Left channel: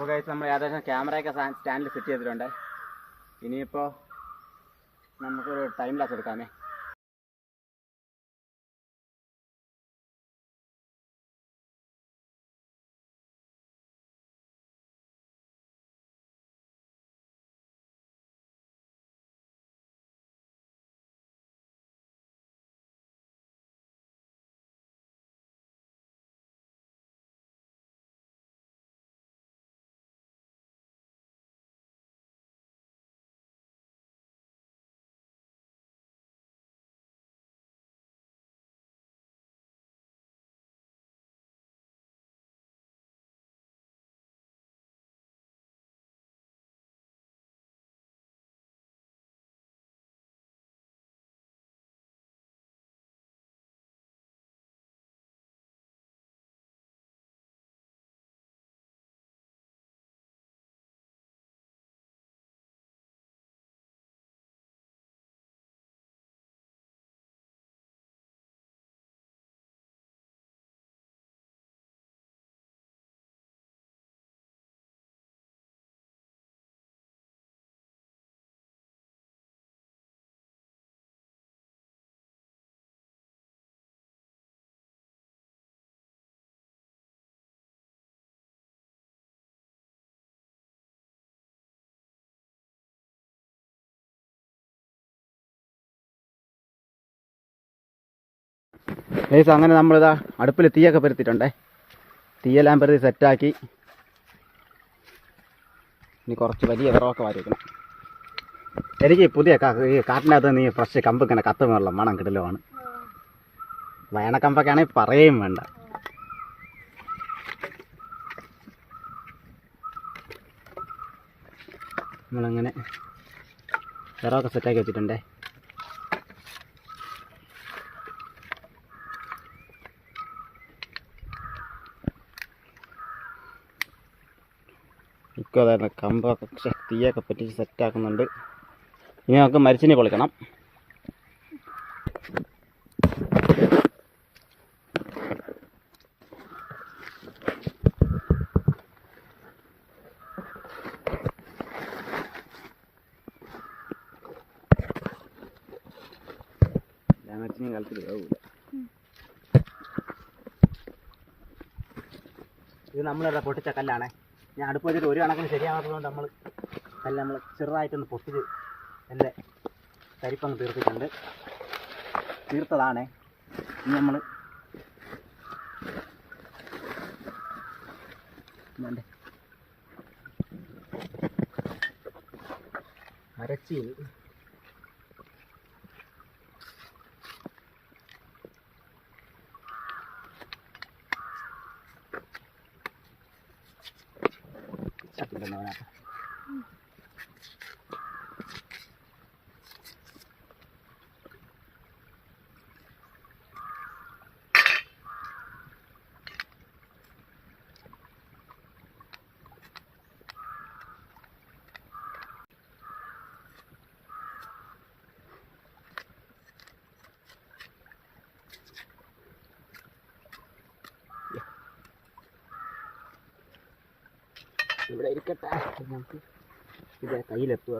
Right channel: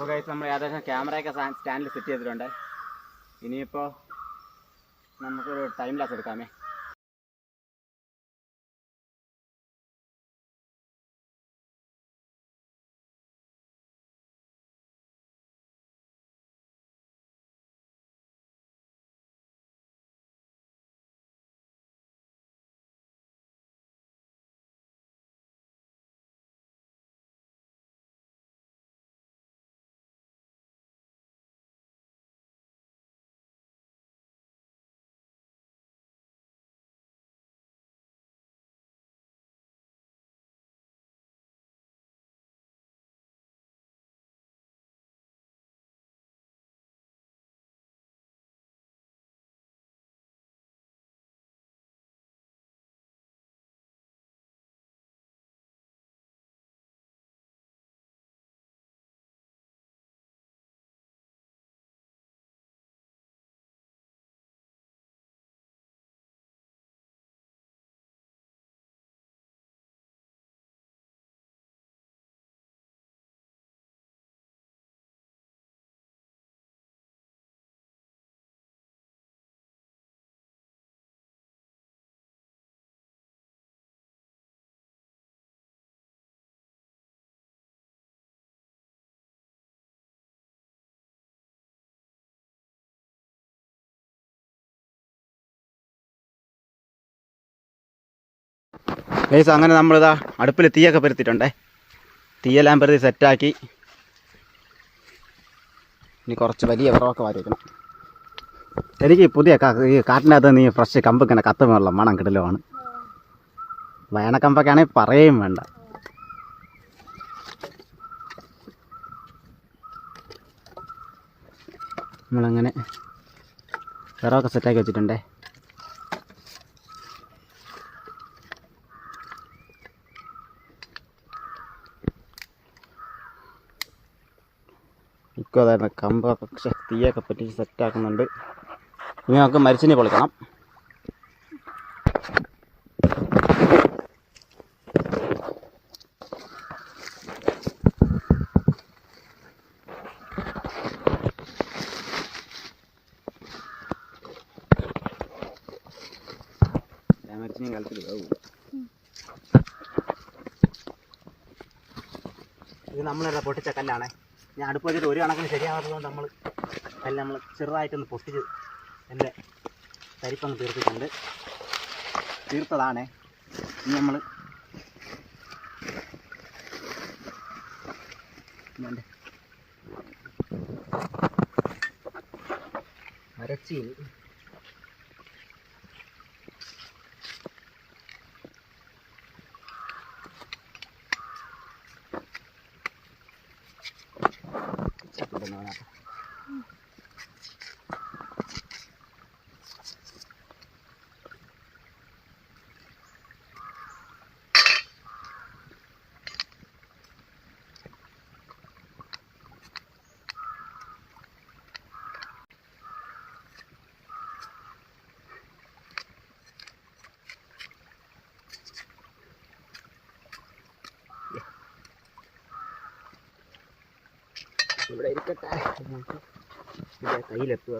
അപ്പോൾ ഗൈസ് നമ്മൾ ഏകദേശം ക്യാമറയൊക്കെ സ്റ്റാൻഡിൽ സെറ്റ് ചെയ്തിട്ടുണ്ട്. ഇനിയിപ്പോൾ നമുക്കൊരു ടൈം ലാപ്സ് എടുക്കാമേ. ഗൈസ് അങ്ങനെ നമ്മളിതാ അടുപ്പിൽ തീയൊക്കെ പരുത്തിയിട്ടുണ്ടേ. തീയെല്ലാം പരുത്തി സെറ്റാക്കി. ഇനി കുറച്ച് വലിയ വിറവൊക്കെ വാരി വെക്കണം. എനിക്ക് പുതിയ ഈ കാട്ടിനകത്ത് നീ ഫ്രഷ് കമ്പ് ഇങ്ങനെ കത്തുമുള്ള മണം കിടലുമാണ്. വേനക്കമ്പൊക്കെ ആണെങ്കിൽ പറയുകയും വേണ്ട. നമ്മളങ്ങനെ വിറവൊക്കെ സെറ്റാക്കി വെച്ചിട്ടുണ്ടേ. ഇപ്പോൾ അതായത് കമ്പൊക്കെ തീയൊക്കെ പറ്റിച്ച് സെറ്റാക്കുന്നുണ്ട്. ഇനി നമുക്ക് മരിച്ചിനി പൊളിക്കണം. മരിച്ചിനി കാലത്തിൽ ആവില്ല. ഇത് നമ്മളിവിടെ പൊട്ടിച്ച കല്ലാണ്. ഞാൻ അടുപ്പ് വെച്ചിട്ട് ഒരു കണക്കിന് ശരിയാകാത്തതുകൊണ്ട് നമ്മൾ ചെറുതായിട്ടൊന്ന് പൊട്ടിച്ച് എൻ്റെ തരിപ്പങ്ങ് തീർത്തിട്ടുണ്ട്. തീർത്തതാണേ. ഇനി നമ്മൾ മരച്ചീനി ഇവിടെ ഇരിക്കട്ടെ. നമുക്ക് ഇത് കയ്യിലെത്തുക.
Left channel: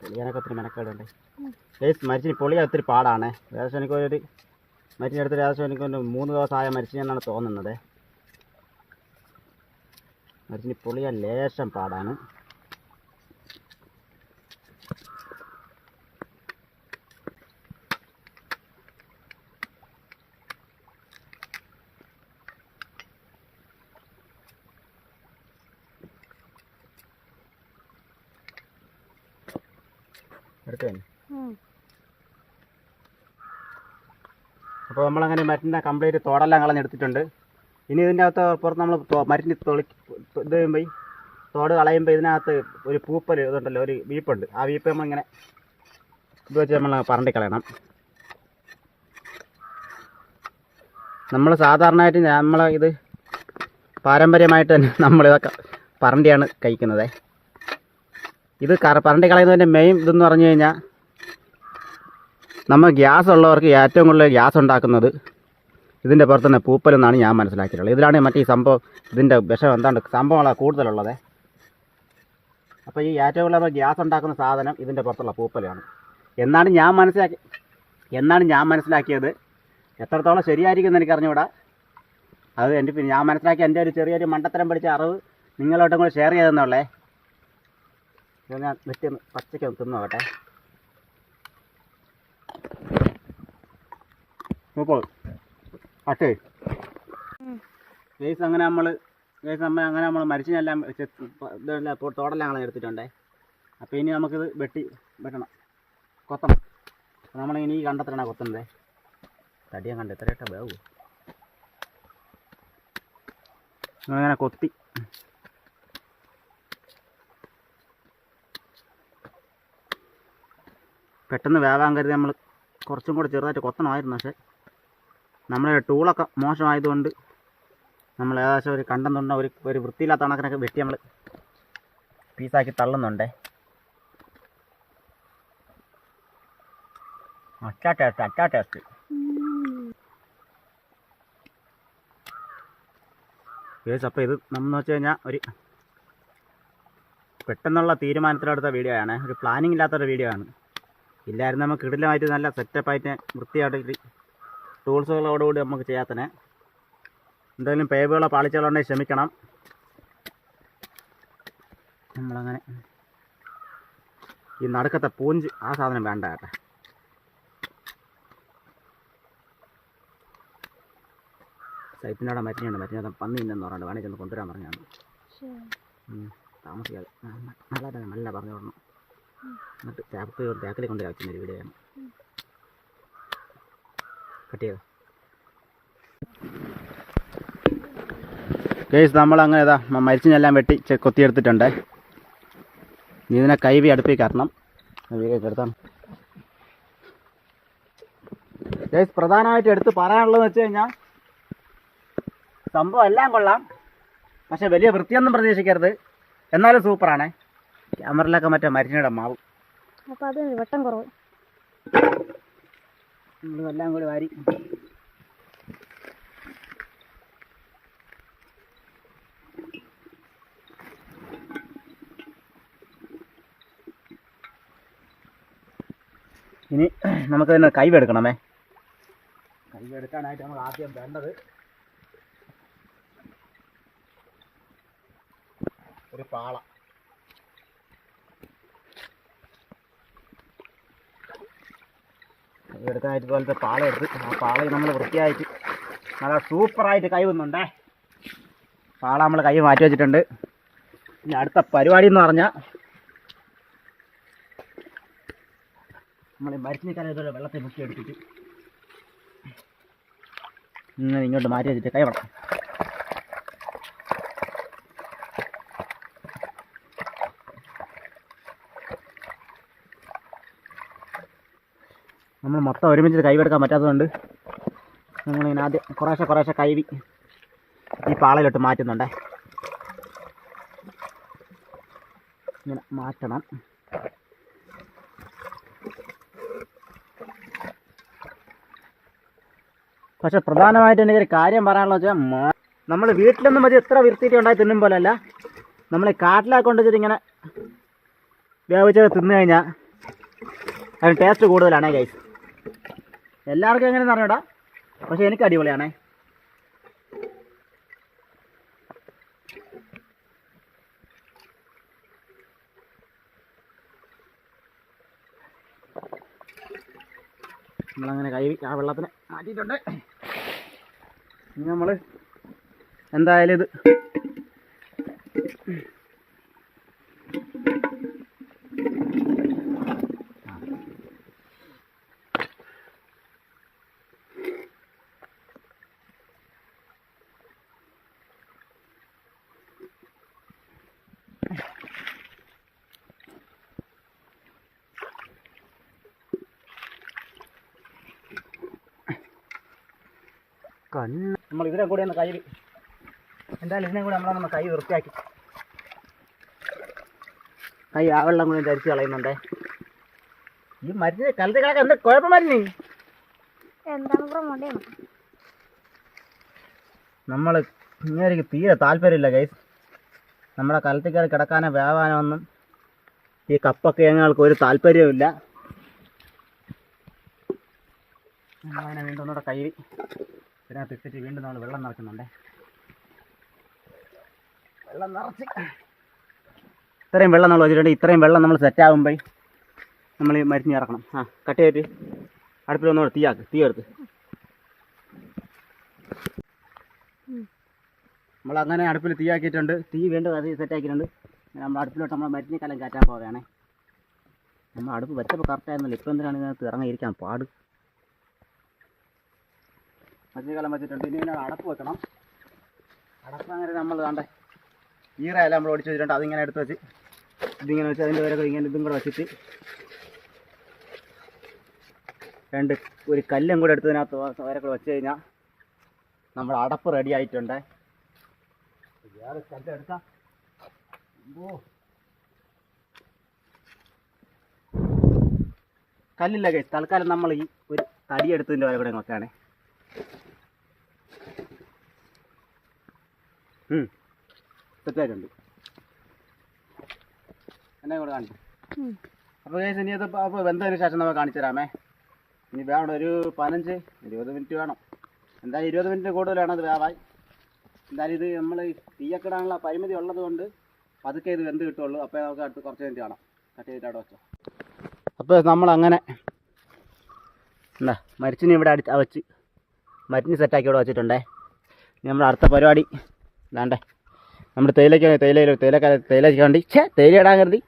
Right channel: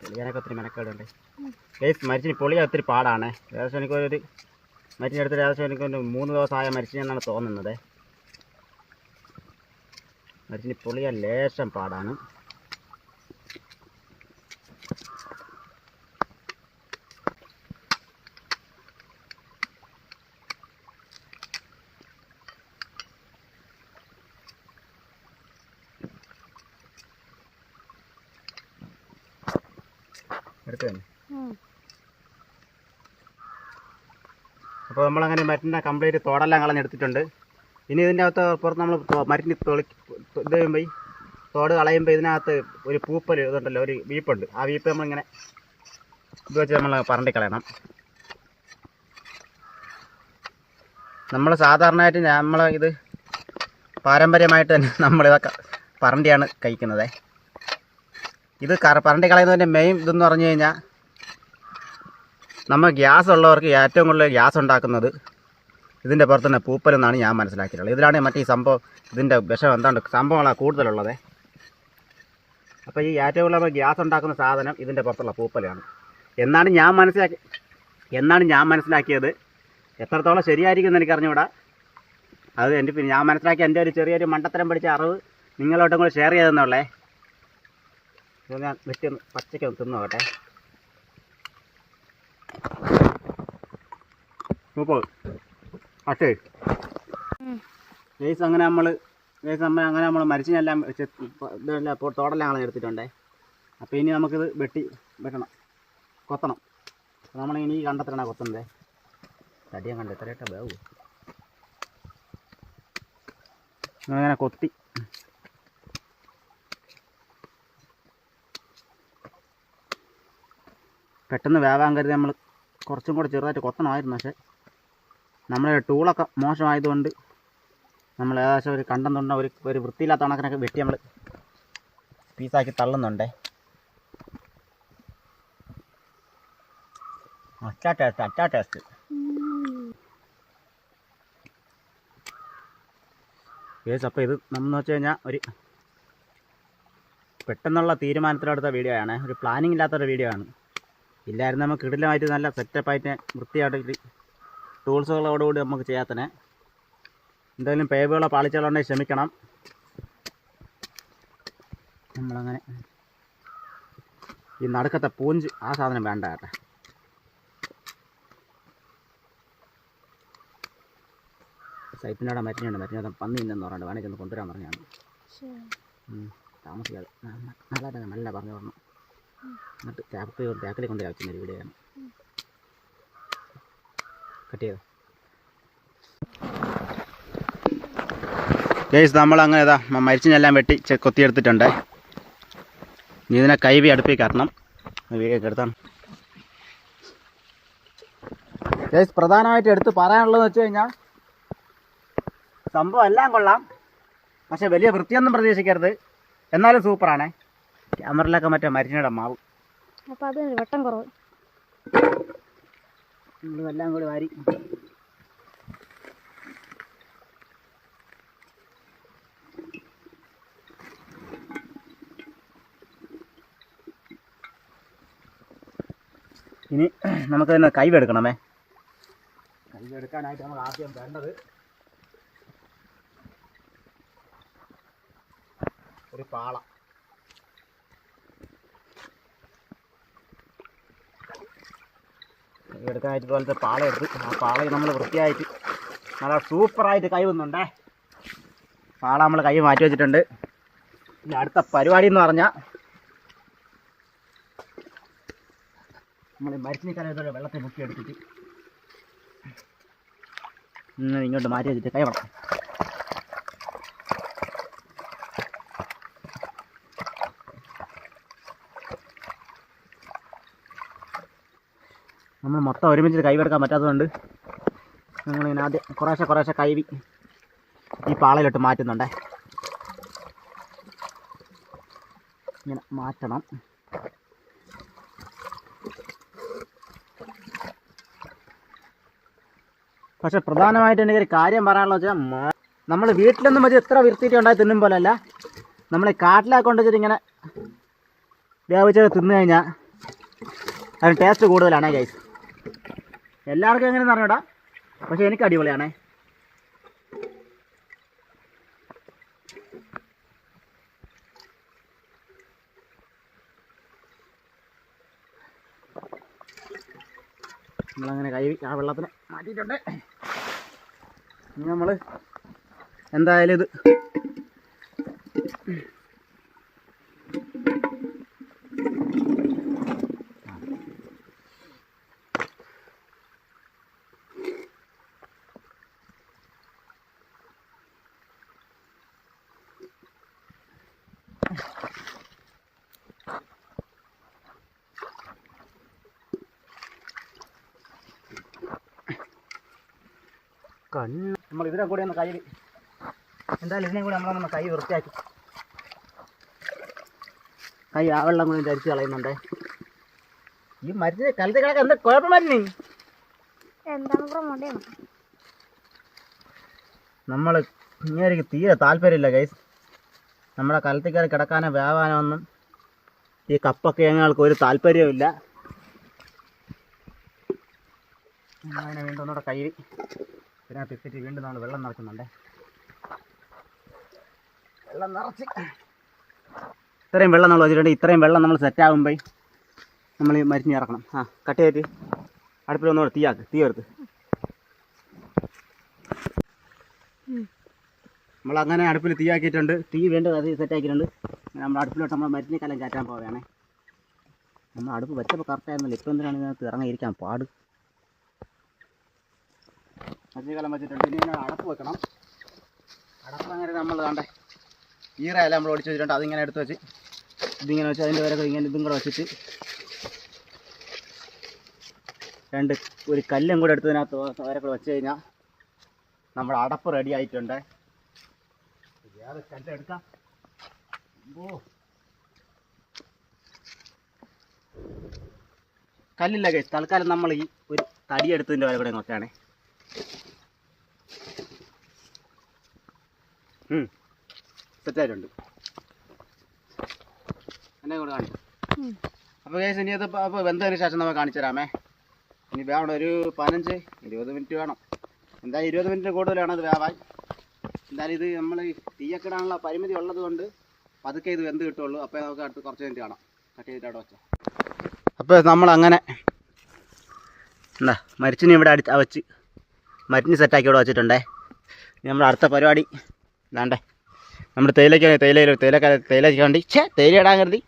പൊളിയാനൊക്കെ ഒത്തിരി മെനക്കേടുണ്ട്. മരിച്ചിനി പൊളിയാൻ ഒത്തിരി പാടാണ്. ഏകദേശം എനിക്കൊരു മരിച്ചിനെടുത്തിട്ട് ഏകദേശം എനിക്കൊരു 3 ദിവസമായ മരിച്ചിനെന്നാണ് തോന്നുന്നത്. മരിച്ചിനി പൊളിയാൻ ലേശം പാടാണ്. അപ്പോൾ നമ്മളങ്ങനെ മരത്തിൻ്റെ കംപ്ലീറ്റ് തോടെല്ലാം കളഞ്ഞെടുത്തിട്ടുണ്ട്. ഇനി ഇതിൻ്റെ അകത്ത് പുറത്ത് നമ്മൾ മരത്തിന് ഇത് ചെയ്യുമ്പോൾ തോട് കളയുമ്പോൾ ഇതിനകത്ത് ഒരു പൂപ്പൽ ഇതുണ്ടല്ലോ, ഒരു വീപ്പുണ്ട്. ആ വീപ്പ് നമ്മളിങ്ങനെ ഇത് വെച്ച് നമ്മൾ പറണ്ടി കളയണം. നമ്മൾ സാധാരണയായിട്ട് ഇത് പാരമ്പര്യമായിട്ട് തന്നെ നമ്മളിതൊക്കെ പറണ്ടിയാണ് കഴിക്കുന്നത്. ഇത് പറണ്ടി കളയുന്നതിൻ്റെ മെയിൻ ഇതെന്ന് പറഞ്ഞു കഴിഞ്ഞാൽ നമ്മൾ ഗ്യാസ് ഉള്ളവർക്ക് ഏറ്റവും കൂടുതൽ ഗ്യാസ് ഉണ്ടാക്കുന്നത് ഇതിൻ്റെ പുറത്ത് തന്നെ പൂപ്പലെന്നാണ് ഞാൻ മനസ്സിലാക്കിയിട്ടുള്ളത്. ഇതിലാണ് മറ്റേ ഈ സംഭവം ഇതിൻ്റെ വിഷം എന്താണ്ട് സംഭവങ്ങളാണ് കൂടുതലുള്ളത്. അപ്പോൾ ഈ ഏറ്റവും കൂടുതൽ നമ്മൾ ഗ്യാസ് ഉണ്ടാക്കുന്ന സാധനം ഇതിൻ്റെ പുറത്തുള്ള പൂപ്പലാണ് എന്നാണ് ഞാൻ മനസ്സിലാക്കിയത്. എത്രത്തോളം ശരിയായിരിക്കും എന്ന് എനിക്ക് അറിഞ്ഞുകൂടാ. അത് പിന്നെ ഞാൻ മനസ്സിലാക്കിയ എൻ്റെ ഒരു ചെറിയൊരു മണ്ടത്തരം പഠിച്ച അറിവ് നിങ്ങളോട്ടും കൂടെ ഷെയർ ചെയ്തെന്നുള്ളേ. ഞാൻ വെറ്റൊന്ന് പച്ചയ്ക്കൊന്ന് തിന്നു നോക്കട്ടെ. മുപ്പത് പത്ത് ഗൈസ് അങ്ങനെ നമ്മൾ മരിച്ചിനെല്ലാം ഇതെല്ലാം ഇപ്പോൾ തോടെല്ലാം ഞങ്ങൾ എടുത്തിട്ടുണ്ടേ. അപ്പോൾ ഇനി നമുക്കിത് വെട്ടണം, കൊത്തണം. നമ്മളിനി ഈ കണ്ടത്തിലാണ് കൊത്തുന്നത്. തടിയാൻ കണ്ട എത്രയായിട്ടാ വേവൂ. അങ്ങനെ കൊത്തി പെട്ടെന്ന് വേവാൻ കരുതി നമ്മൾ കുറച്ചും കൂടെ ചെറുതായിട്ട് കൊത്തണമായിരുന്നു. പക്ഷേ നമ്മുടെ ടൂളൊക്കെ മോശമായതുകൊണ്ട് നമ്മൾ ഏകദേശം ഒരു കണ്ടം തൊണ്ട ഒരു വൃത്തിയില്ലാത്ത കണക്കിനൊക്കെ വെട്ടി നമ്മൾ പീസാക്കി തള്ളുന്നുണ്ടേ. അച്ചാ ടേസ്റ്റ്. കേസ് അപ്പോൾ ഇത് നമ്മൾ വെച്ച് കഴിഞ്ഞാൽ ഒരു പെട്ടെന്നുള്ള തീരുമാനത്തിലെടുത്ത വീഡിയോ ആണ്. ഒരു പ്ലാനിങ് ഇല്ലാത്തൊരു വീഡിയോ ആണ്. ഇല്ലായിരുന്നു നമുക്ക് കിടിലമായിട്ട് നല്ല സെറ്റപ്പായിട്ട് വൃത്തിയായിട്ട് ടൂൾസുകളോടുകൂടി നമുക്ക് ചെയ്യാത്തന്നെ. എന്തെങ്കിലും പേവുകളോ പാളിച്ചകളുണ്ടെങ്കിൽ ക്ഷമിക്കണം. നമ്മളങ്ങനെ ഈ നടുക്കത്തെ പൂഞ്ച് ആ സാധനം വേണ്ട കേട്ടോ. സൈറ്റിനോടെ മരിഞ്ഞുണ്ട് പന്നി ഇല്ലെന്ന് പറഞ്ഞിട്ട് വേണമെങ്കിൽ ഒന്ന് കൊണ്ടുവരാൻ പറഞ്ഞാണ്. താമസിക്കാതെ നല്ല പറഞ്ഞു പറഞ്ഞു. എന്നിട്ട് ടാക്കിൽ കൊണ്ട് ആവശ്യം ഒരു വീഡിയോയാണ് കട്ട് ചെയ്തത്. കേസ് നമ്മളങ്ങനെ ഇതാ മരിച്ചിനെല്ലാം വെട്ടി കൊത്തിയെടുത്തിട്ടുണ്ട്. ഇനി ഇതിനെ കൈവി അടുപ്പിൽ കയറണം. വീഡിയോ എടുത്താണ് കേസ്. പ്രധാനമായിട്ട് എടുത്ത് പറയാനുള്ളതെന്ന് വെച്ച് കഴിഞ്ഞാൽ സംഭവം എല്ലാം കൊള്ളാം, പക്ഷെ വലിയ വൃത്തിയൊന്നും പ്രതീക്ഷിക്കരുത്. എന്നാലും സൂപ്പറാണേ. ക്യാമറയിലൊക്കെ മറ്റേ മരിച്ചിനിടെ മാവ് അപ്പോൾ അത് വെട്ടം കുറവ്. നമ്മളെല്ലാം കൂടി വാരി ഇനി നമുക്ക് തന്നെ കൈവെടുക്കണമേ. കൈവെടുക്കാനായിട്ട് നമുക്ക് ആദ്യം വേണ്ടത് ഒരു പാള. എടുക്കാനായിട്ട് പോലത്തെ പാള എടുത്ത് ആ പാള നമ്മൾ വൃത്തിയായിട്ട് നല്ല സൂപ്പറായിട്ട് കൈ വന്നുണ്ടേ. പാള നമ്മൾ കൈ മാറ്റി വെച്ചിട്ടുണ്ട്. ഇനി അടുത്ത പരിപാടി എന്ന് പറഞ്ഞാൽ നമ്മൾ മരിച്ചിനിക്കാലം ഇതുപോലെ വെള്ളത്തിൽ മുക്കി എടുത്തിട്ട് ഇങ്ങനെ ഇങ്ങോട്ട് മാറ്റി വെച്ചിട്ട് കൈ വേണം. നമ്മൾ മൊത്തം ഒരുമിച്ച് കൈവെടുക്കാൻ പറ്റാത്തതുകൊണ്ട് നമ്മളിങ്ങനെ ആദ്യം കുറേശ്ശെ കൈവി ഈ പാളയിലോട്ട് മാറ്റുന്നുണ്ടേ. ഇങ്ങനെ മാറ്റണം. പക്ഷെ പ്രധാനമായിട്ടും എനിക്കൊരു കാര്യം പറയാനുള്ളത് വെച്ചാൽ നമ്മൾ വീട്ടിലൊന്നും മതി എത്ര വൃത്തിയിട്ട് ഉണ്ടായി തിന്നും പോലല്ല, നമ്മൾ കാട്ടിലൊക്കെ കൊണ്ടുവച്ചിട്ട് ഇങ്ങനെ വേവിച്ചത് തിന്നു കഴിഞ്ഞാൽ അതിന് ടേസ്റ്റ് കൂടുതലാണേ ഗൈസ്. എല്ലാവർക്കും എങ്ങനെയെന്ന് അറിഞ്ഞൂടാ, പക്ഷെ എനിക്ക് അടിപൊളിയാണേ. നമ്മളങ്ങനെ കൈ ആ വെള്ളത്തിന് മാറ്റിയിട്ടുണ്ട്. ഇനി നമ്മൾ എന്തായാലും ഇത് നമ്മൾ ഇതിനെ കൂടെ ഒന്ന് കൈ എന്തായാലും ഇതിനെ കൂടെ നമ്മളൊന്ന് കൈ വൃത്തിയാക്കി കൈ ആ വെള്ളം കൂടി ധരിച്ച് കളയുന്നുണ്ട്. ഈ ഈ മരുന്ന് കലത്തി കിടക്കാൻ എന്താ കുഴപ്പം മരുന്ന്? എന്താണ് ബ്രോ മടിയാണ്? നമ്മൾ ഇങ്ങനെ തീരെ താല്പര്യമില്ല ഗൈസ്. നമ്മളെ കലത്തി കയറി കിടക്കാനോ വേവാനോ ഒന്നും ഈ കപ്പൊക്കെ ഞങ്ങൾക്ക് ഒരു താല്പര്യവുമില്ല. നമ്മളങ്ങനെ വീണ്ടും ഒന്നുകൂടെ കഴുകി ഇതിനകത്ത് ഇട്ടിട്ട് വീണ്ടും നമ്മൾ വെള്ളം നിറയ്ക്കുന്നുണ്ട്. വെള്ളം നിറച്ച് ഇത്രയും വെള്ളം നമ്മൾ വെച്ചിട്ടുണ്ട്. ഇത്രയും വെള്ളം നമ്മൾ സെറ്റാകുമ്പോൾ നമ്മൾ ഈ മരിഞ്ഞ് ഇറക്കണം. കട്ട് ചെയ്തിട്ട് അടുപ്പിലൊന്നുകൂടെ തീ എടുത്ത് നമ്മളങ്ങനെ അടുപ്പിൽ തീയാക്കിയിട്ടുണ്ട്. തീ വീണ്ടും അത് സെറ്റാക്കിയിട്ടുണ്ട്. നമ്മൾ അടുപ്പിലോട്ട് നമ്മൾ മരിഞ്ഞ കലം കയറ്റാൻ പോവുകയാണേ. നമ്മൾ അടുപ്പ് വെച്ചപ്പോൾ കറക്റ്റായിരുന്നല്ലോ. ഇപ്പം എന്തിനാണ് ഇതിനകത്ത് ഇറങ്ങിയിരിക്കാൻ പാട്? മരിഞ്ഞ കലം വെച്ചിട്ടുണ്ട്. ഇനി ഇതിനോട് അടപ്പ് വെക്കണം. അടപ്പ് അങ്ങനെ നമ്മൾ വേണ്ടേ ഈറയല്ല നമ്മൾ ഒടിച്ച് വെച്ചിട്ടുണ്ട്. അതിങ്ങനെ എടുത്ത് വെച്ച് ഇതിങ്ങനെ വെച്ച് അതിൻ്റെ വരെ ഇങ്ങനെ ഇതും കൂടെ വെച്ചിട്ട് ഒരു കല്ലും കൂടെ എടുത്തതിനകത്ത് വരെ കൂടെ വെച്ച് കഴിഞ്ഞാൽ നമ്മുടെ അടപ്പ് റെഡി ആയിട്ടുണ്ട്. വേറെ കല്ലെടുക്കാം. കല്ലില്ല കഴിച്ച് തൽക്കാലം നമ്മൾ ഈ ഒരു തടിയെടുത്തതിൻ്റെ വരെ കൂടെ നോക്കുകയാണേ. സെറ്റായിട്ടുണ്ട്. എന്നെ കൂടെ കാണിച്ചു. അപ്പോൾ കേസ് ഇനി അത് അപ്പോൾ വെന്തതിന് ശേഷം നമ്മൾ കാണിച്ചു തരാമേ. ഇനി വേണം ഒരു 15-20 മിനിറ്റ് വേണം. എന്തായാലും 20 മിനിറ്റ് കൂടുതലാണ് അത് വേവാൻ. എന്തായാലും ഇത് നമ്മൾ തീയൊക്കെ ഇടാനുള്ള പരിമിതി ഉള്ളത് കൊണ്ട് പതുക്കെ ഇത് വെന്ത് കിട്ടുള്ളൂ. അപ്പോൾ നമുക്ക് അടുത്ത് കുറച്ച് മിനിറ്റ് കാണാം. കട്ട് ചെയ്തിട്ട് അവിടെ വെച്ചോ. അപ്പോൾ നമ്മളങ്ങനെ എന്താ മരിച്ചിനി ഇവിടെ വെച്ച് മരിച്ചിനി സെറ്റാക്കി ഇവിടെ വെച്ചിട്ടുണ്ടേ. ഇനി നമ്മൾ അടുത്ത പരിപാടി ഇതാണ്ടേ നമ്മൾ തേയിലയ്ക്ക് വേണ്ടി തേയില ഇടാൻ കരുതി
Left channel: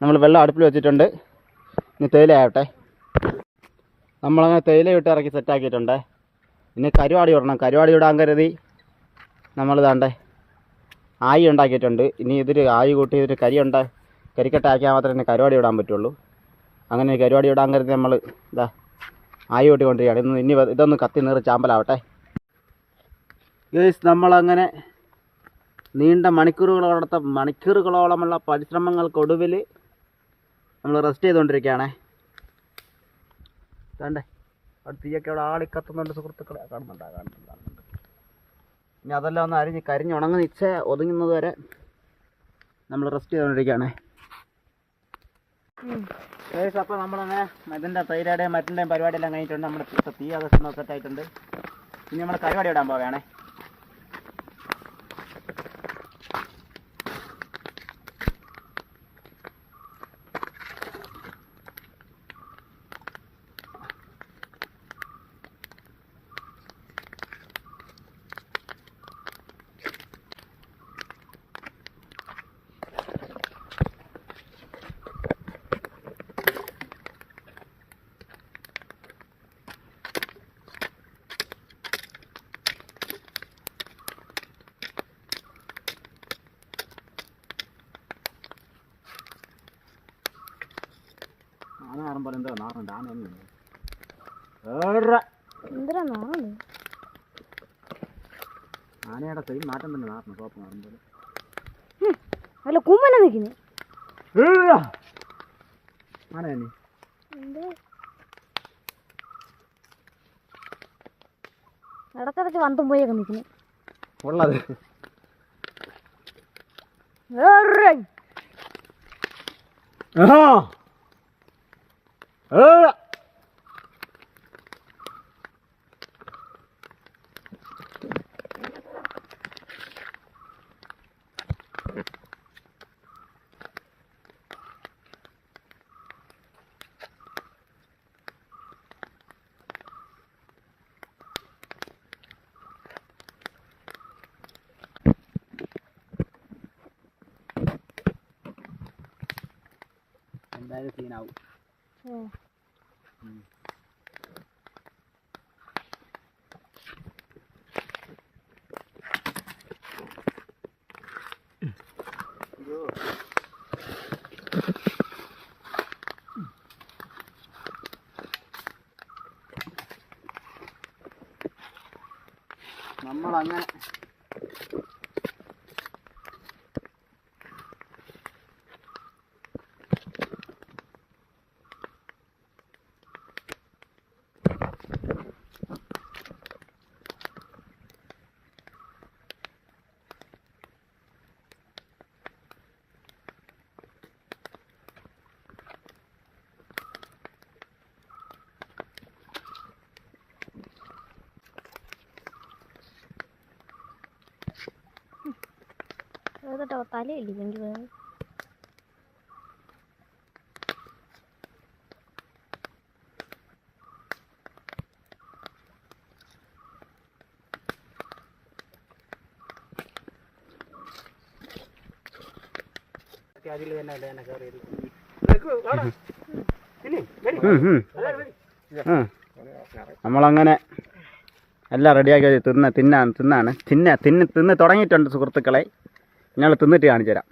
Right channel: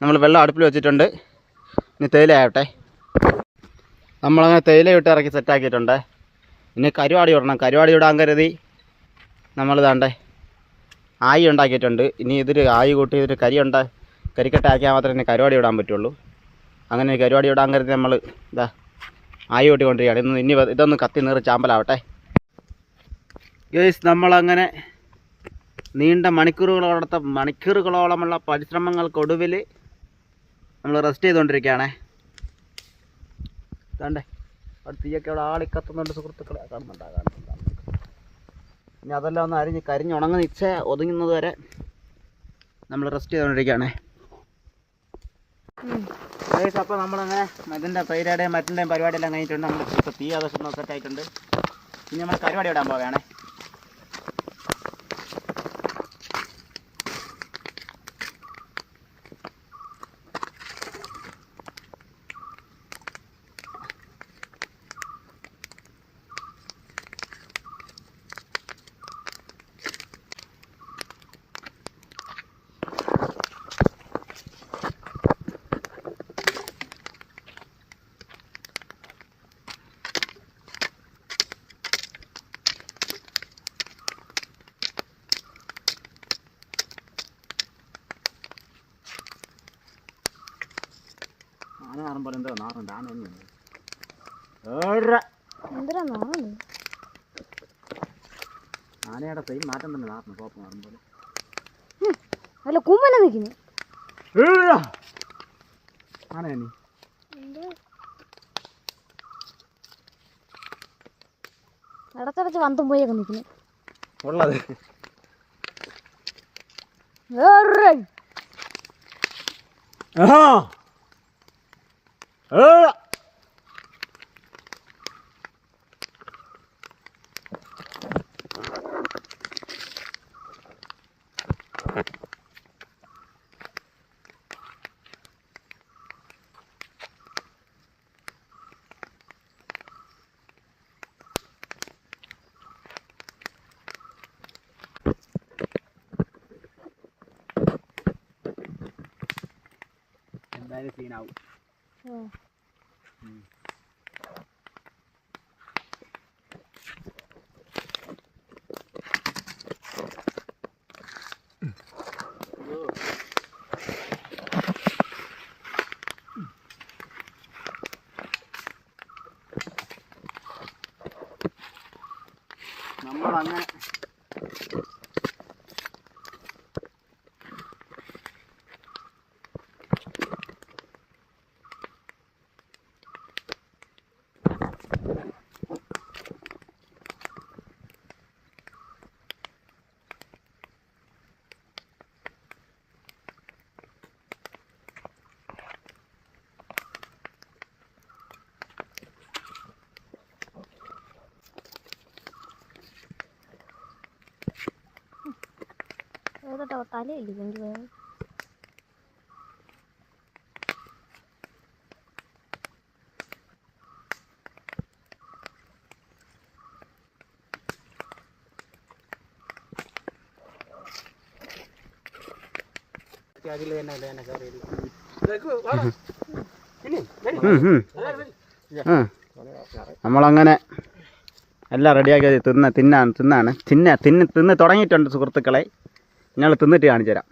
നമ്മൾ വെള്ളം അടുപ്പിൽ വെച്ചിട്ടുണ്ട്. ഇനി തേയില ആവട്ടെ. നമ്മളങ്ങനെ തേയില ഇട്ട് ഇറക്കി സെറ്റാക്കിയിട്ടുണ്ട്. ഇനി കരുവാടി ഇടണം. കരുവാടി ഇടാൻ കരുതി നമ്മളിതാണ്ടേ ആയി ഉണ്ടാക്കിയിട്ടുണ്ട്. ഇനി ഇതൊരു ആയി കൂട്ടി ഇതൊരു കരിക്കട്ടാക്കിയാൽ മാത്രമേ ഇനി കരുവാടി ഇടാൻ പറ്റുള്ളൂ. അങ്ങനെ കരുവാടി ഇടാൻ കരുതി നമ്മൾ ഇതാ ആയി കൂട്ടിക്കൊണ്ടിരിക്കുകയാണ്. ഇനി ഇതൊന്ന് കത്തി നീറി ചാമ്പലാവട്ടെ. ഗൈസ് നമ്മളങ്ങനെ നീണ്ട മണിക്കൂറുകളോളമുള്ള പരിശ്രമങ്ങൾക്കൊടുവിൽ നമ്മൾ റെസ്റ്റ് ചെയ്തുകൊണ്ടിരിക്കുകയാണേ. കണ്ടേ അവിടെ തീയൊക്കെ അവിടെ ആളിക്കത്തുന്നുണ്ട് സുഹൃത്തുക്കളെ. കാണുന്നുണ്ട്. ഇനി അതെല്ലാം ഒന്ന് കരിഞ്ഞുണങ്ങി ഒതുങ്ങുന്നത് വരെ നമ്മൾ റെസ്റ്റ് ചെയ്തുകൊണ്ടിരിക്കുകയാണേ. അപ്പോൾ നമ്മളങ്ങനെ ഇതിൻ്റെ തൈരയുടെയും മറ്റിൻ്റെയും പരിപാടിയെല്ലാം കഴിഞ്ഞിട്ടുണ്ട്. നമ്മൾ തീ ആവശ്യം സെറ്റായിട്ടുണ്ട്. ഇനി നമ്മൾ പരിപാടി ഇടാൻ പോവുകയാണേ. ആന നാറുമ്പോൾ എന്തോ നാറുണ്ട്. ആന ഒന്നും എന്തിനാ നാറുണ്ട്? ആനയുടെ സെയിം മാറ്റം തന്നെ നാറുന്നു. കോപ്പം നാറുമ്പോൾ അല്ല കുമ്മന നിൽക്കുന്നു. ആന തന്നെ ഇടച്ചടച്ച് വന്തം പോയൊക്കെ നിൽക്കുന്നു ഉള്ളത്. എന്തായാലും സീനാവും. നമ്മളങ്ങനെ എടുത്തിട്ടോ തലയില്ലേ എനിക്ക് വേണം. നമ്മളങ്ങനെ എല്ലാം റെഡിയാക്കി തിന്ന് തുടങ്ങിയിട്ടുണ്ട് സുഹൃത്തുക്കളെ. ഞങ്ങൾ തിന്നിട്ട് കാണിച്ചു തരാം.